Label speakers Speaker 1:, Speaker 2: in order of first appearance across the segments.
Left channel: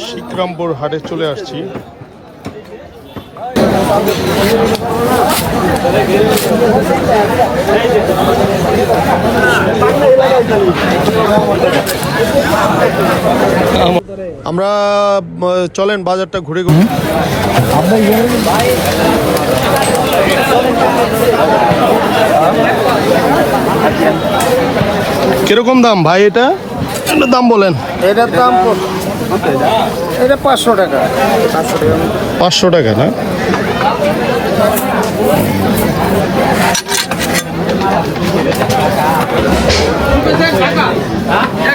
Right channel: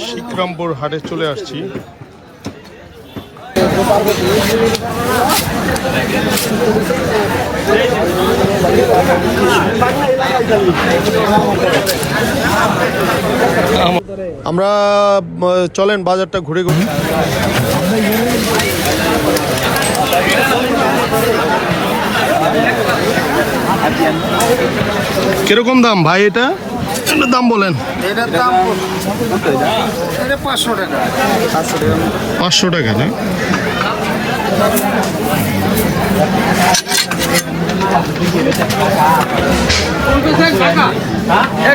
Speaker 1: শিকরামপুর হাটে চলে আসছি। আমরা চলেন বাজারটা ঘুরে ঘুরে। কীরকম দাম ভাই এটা? একটা দাম বলেন।
Speaker 2: এটার দাম কত? এটা পাঁচশো টাকা। পাঁচশো টাকা
Speaker 1: না? এটা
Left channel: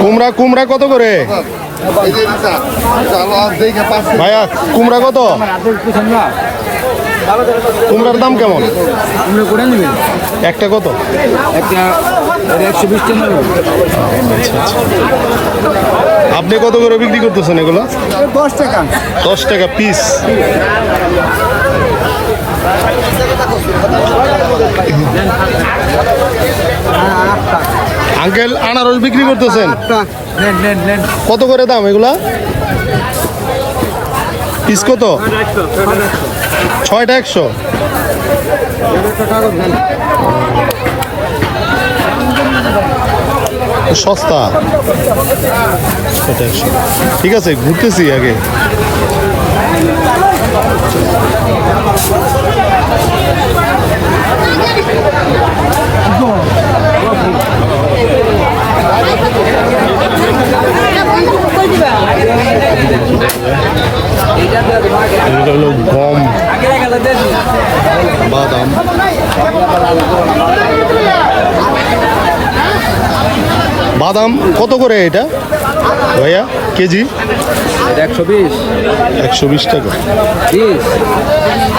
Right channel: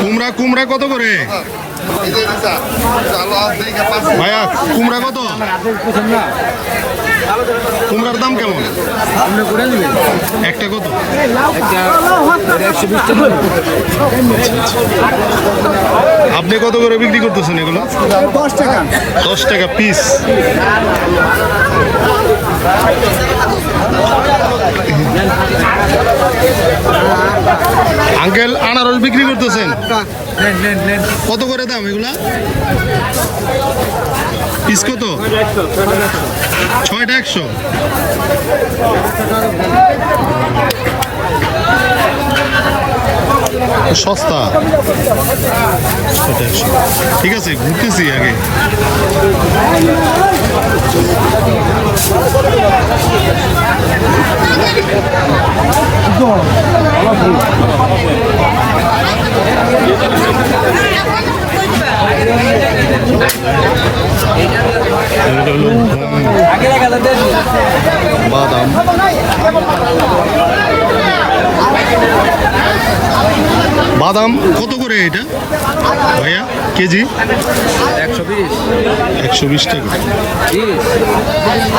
Speaker 1: কুমড়া কুমড়া কত করে? ভাইয়া কুমড়া কত? কুমড়ার দাম কেমন? একটা কত?
Speaker 2: একশো
Speaker 1: আপনি কত করে বিক্রি করতেছেন এগুলো?
Speaker 2: দশ টাকা
Speaker 1: দশ টাকা পিস আঙ্কেল, আনারস বিক্রি করতেছেন? কত করে দাম এগুলা? পিস কত? ছয়টা একশো? সস্তা। ঠিক আছে ঘুরতেছি আগে। এগুলো হলো গম বাদাম বাদাম কত করে এটা ভাইয়া কেজি
Speaker 2: একশো বিশ
Speaker 1: একশো বিশ টাকা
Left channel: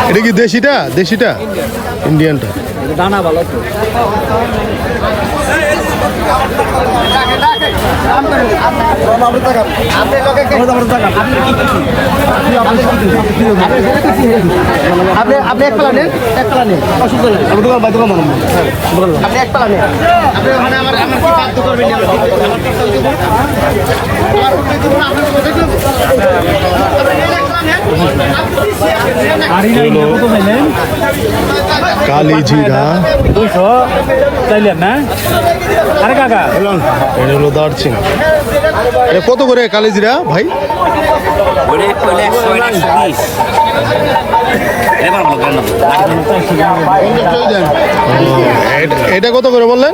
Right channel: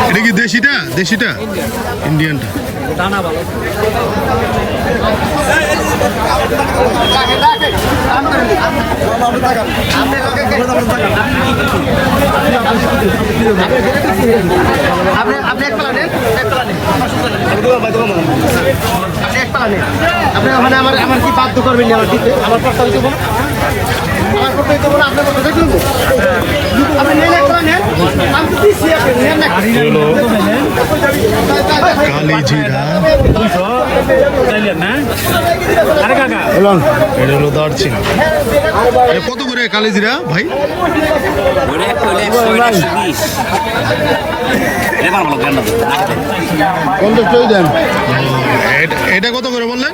Speaker 1: এটা কি দেশিটা দেশিটা ইন্ডিয়ানটা
Speaker 2: দানা ভালো আপনি আপনি এক প্লানে এক প্লানে আপনি এক প্লানে আপনি ওখানে আমার আমার কি কাজ করবেন আমার আমার আপনার প্রস্তাব দিব আপনি নেন এক প্লানে
Speaker 1: এগুলো কালি জিরা এটা হলো দারচিনি। এটা কত করে কালি জিরা ভাই। এটা কত করে বললেন?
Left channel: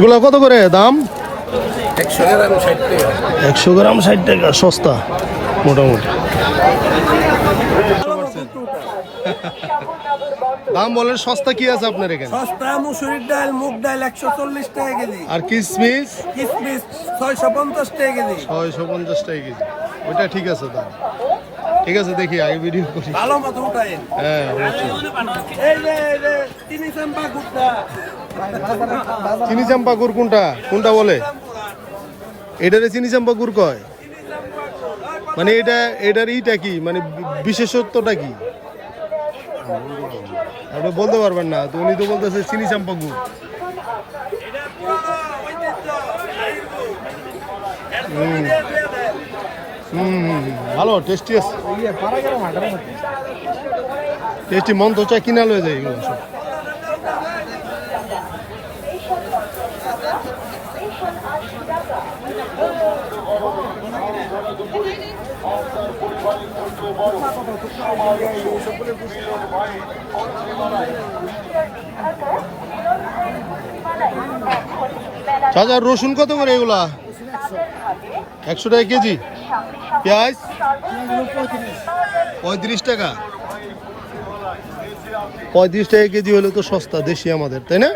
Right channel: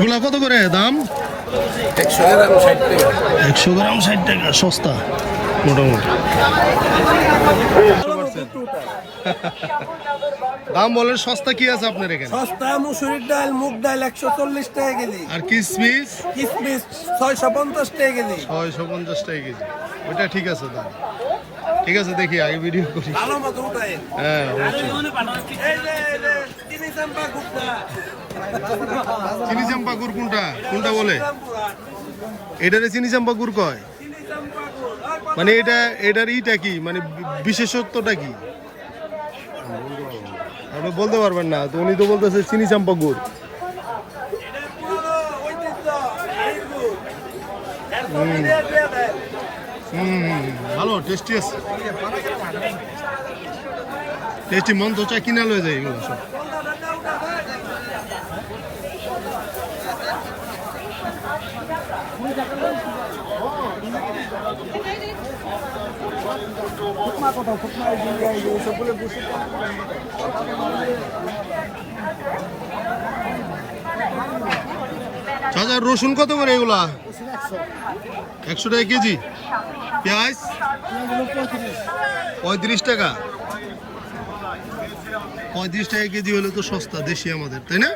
Speaker 1: এগুলো কত করে দাম?
Speaker 2: একশো গ্রাম ষাট টাকা।
Speaker 1: একশো গ্রাম ষাট টাকা সস্তা মোটামুটি। দাম বলেন সস্তা কি আছে আপনার এখানে?
Speaker 3: সস্তা মুসুরির ডাল মুগ ডাল একশো চল্লিশ টাকা কেজি।
Speaker 1: আর কিসমিস?
Speaker 3: কিসমিস ছয়শো পঞ্চাশ টাকা কেজি।
Speaker 1: ছয়শো পঞ্চাশ টাকা কেজি। ওইটা ঠিক আছে দাম। ঠিক আছে দেখি আগে ভিডিও করি।
Speaker 3: ভালো মতো
Speaker 1: হ্যাঁ
Speaker 3: চিনি চাম্পা
Speaker 1: গুড় কোনটা? কোনটা বলে? এটারে চিনি চাম্পা গুড় কয়? মানে এটা এটার ইটা কি? মানে বিশেষত্বটা কি? আপনি বলতে পারবেন না তো উনি তো বলতেছে চিনি চাম্পা গুড়। হুম। হুম ভালো টেস্টি আছে। টেস্টি মন তো চাই কিনা লয়ে যায় এগুলো সব। রসুন কত করে এগুলা? একশো টাকা কেজি? পেঁয়াজ? পঁয়ত্রিশ টাকা। পঁয়ত্রিশ টাকা কেজি হলে তো সস্তা দেশি আমাদের তাই না?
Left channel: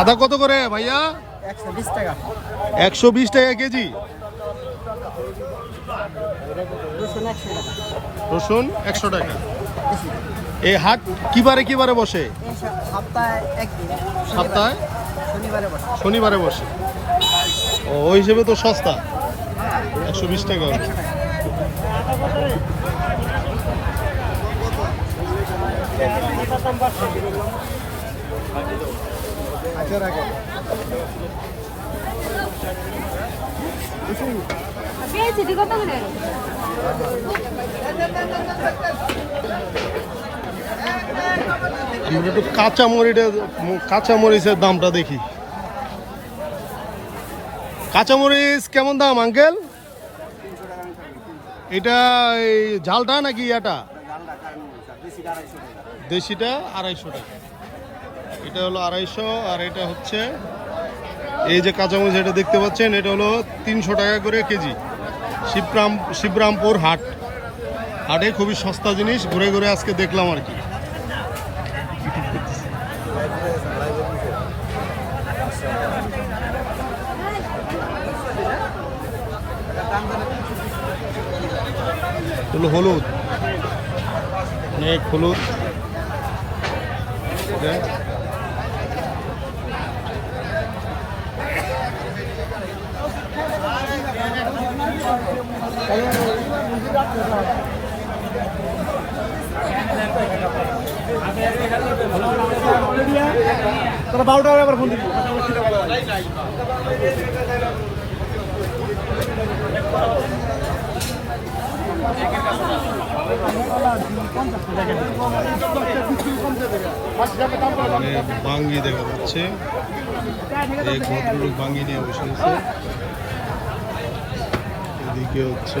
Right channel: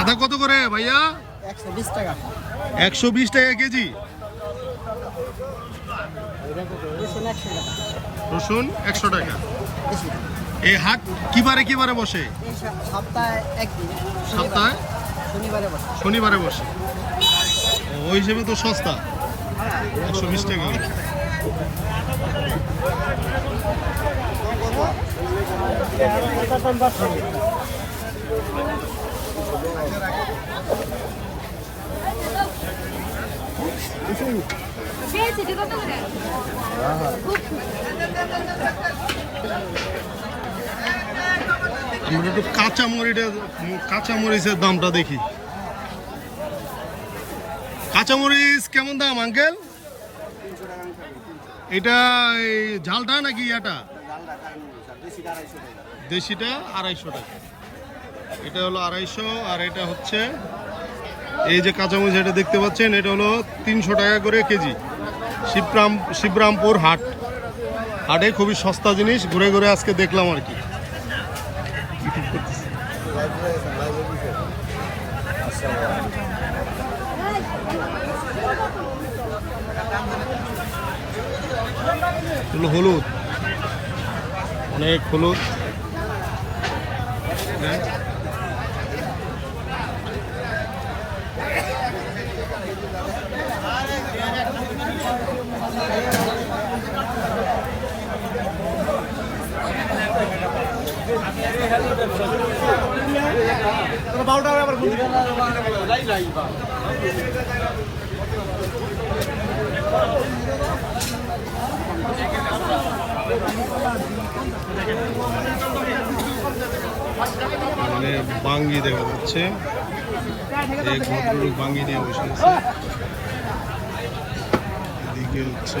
Speaker 1: আদা কত করে ভাইয়া?
Speaker 2: একশো বিশ টাকা।
Speaker 1: কেজি?
Speaker 2: রসুন একশো টাকা।
Speaker 1: এই হাট কিবারে কিবারে বসে?
Speaker 2: সপ্তাহে একদিন
Speaker 1: সপ্তাহে?
Speaker 2: শনিবারে বসে।
Speaker 1: শনিবারে বসে। ও ওই হিসেবে তো সস্তা। একশো বিশ টাকা হলে। আমরা একটু কাঁচা মরিচের কাঁচা মরিচের দামটা দেখি। কাঁচা মরিচ কেমন দাম আঙ্কেল? এটা এই ঝালটা নাকি ইয়াটা? দেশিটা আড়াইশো টাকা। এটা হলো আড়াইশো, আর এটা হচ্ছে এই যে কাঁচামরিচ এটা দেখতে পাচ্ছেন, এটা হলো তিনশো টাকা করে কেজি। শিবরাম, শিবরামপুর হাট। হাটে খুবই সস্তা জিনিস, ঘুরে ঘুরে আজকে দেখলাম আর কি। হলুদ। অনেক হলুদ।
Speaker 2: আবার
Speaker 1: মানে বাঙ্গি দেখা যাচ্ছে। বাঙ্গি নিয়ে বসে আছে। হচ্ছে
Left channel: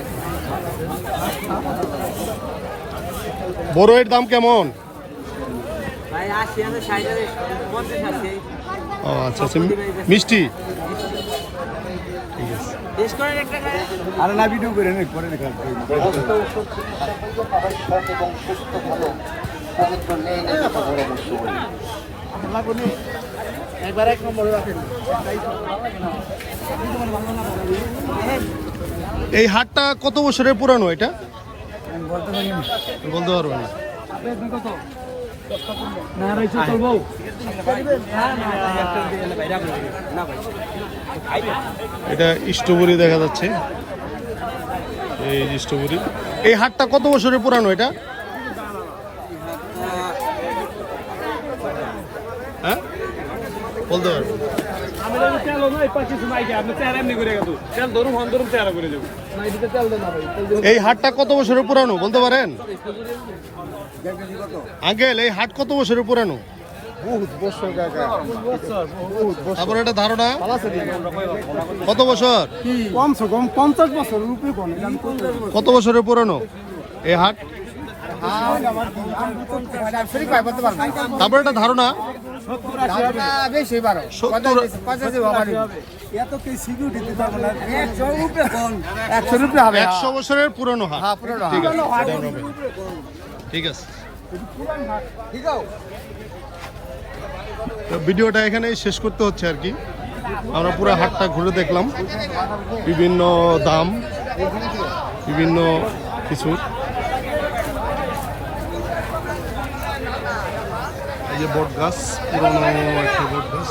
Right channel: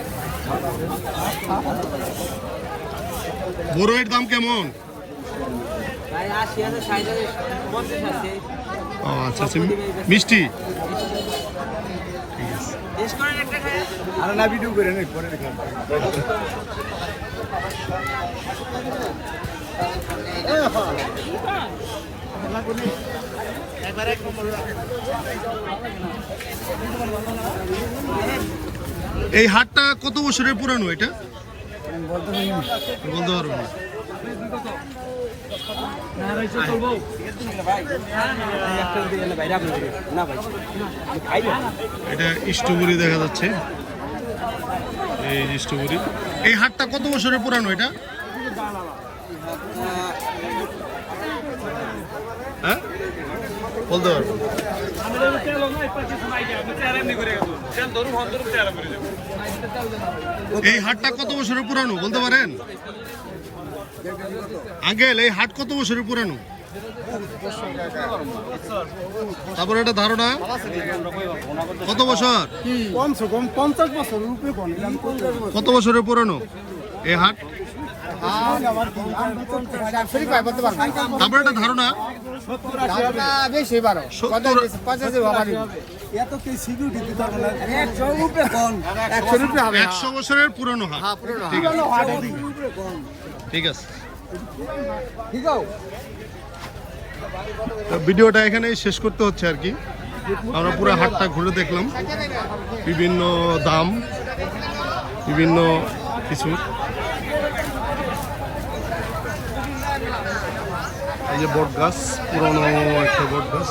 Speaker 1: বড়ের দাম কেমন? ও আচ্ছা আচ্ছা মিষ্টি? ঠিক আছে।
Speaker 2: বেশ করে একটা
Speaker 3: আরে না ভিডিও করে নে করে
Speaker 2: একবার এক নম্বর
Speaker 1: এই হাটটা কত বছরের পুরানো এটা?
Speaker 2: বলতে
Speaker 1: পারবেন না। এটা স্ট্রবেরি দেখা যাচ্ছে। এই স্ট্রবেরি। এই হাটটা কত বছরের পুরানো এটা? হ্যাঁ? বলতে পারবেন এই হাটটা কত বছরের পুরানো বলতে পারেন? আঙ্কেল এই হাট কত বছরের পুরানো? তারপরে এটা ধারণা? কত বছর?
Speaker 3: কমসে কম পঞ্চাশ বছর।
Speaker 1: কত বছরের পুরানো এই হাট
Speaker 2: শরীর পাই বলতে পারবেন
Speaker 1: তারপরে ধারণা?
Speaker 2: ধারণা বেশি বারো
Speaker 3: একশো
Speaker 1: বছরের পুরনো হাট।
Speaker 2: হ্যাঁ
Speaker 1: ঠিক আছে। ঠিক আছে। তো ভিডিওটা এখানেই শেষ করতে হচ্ছে আর কি। আমরা পুরো হাটটা ঘুরে দেখলাম। বিভিন্ন দাম বিভিন্ন কিছু। যে বট গাছ পুরনো একটা বট গাছ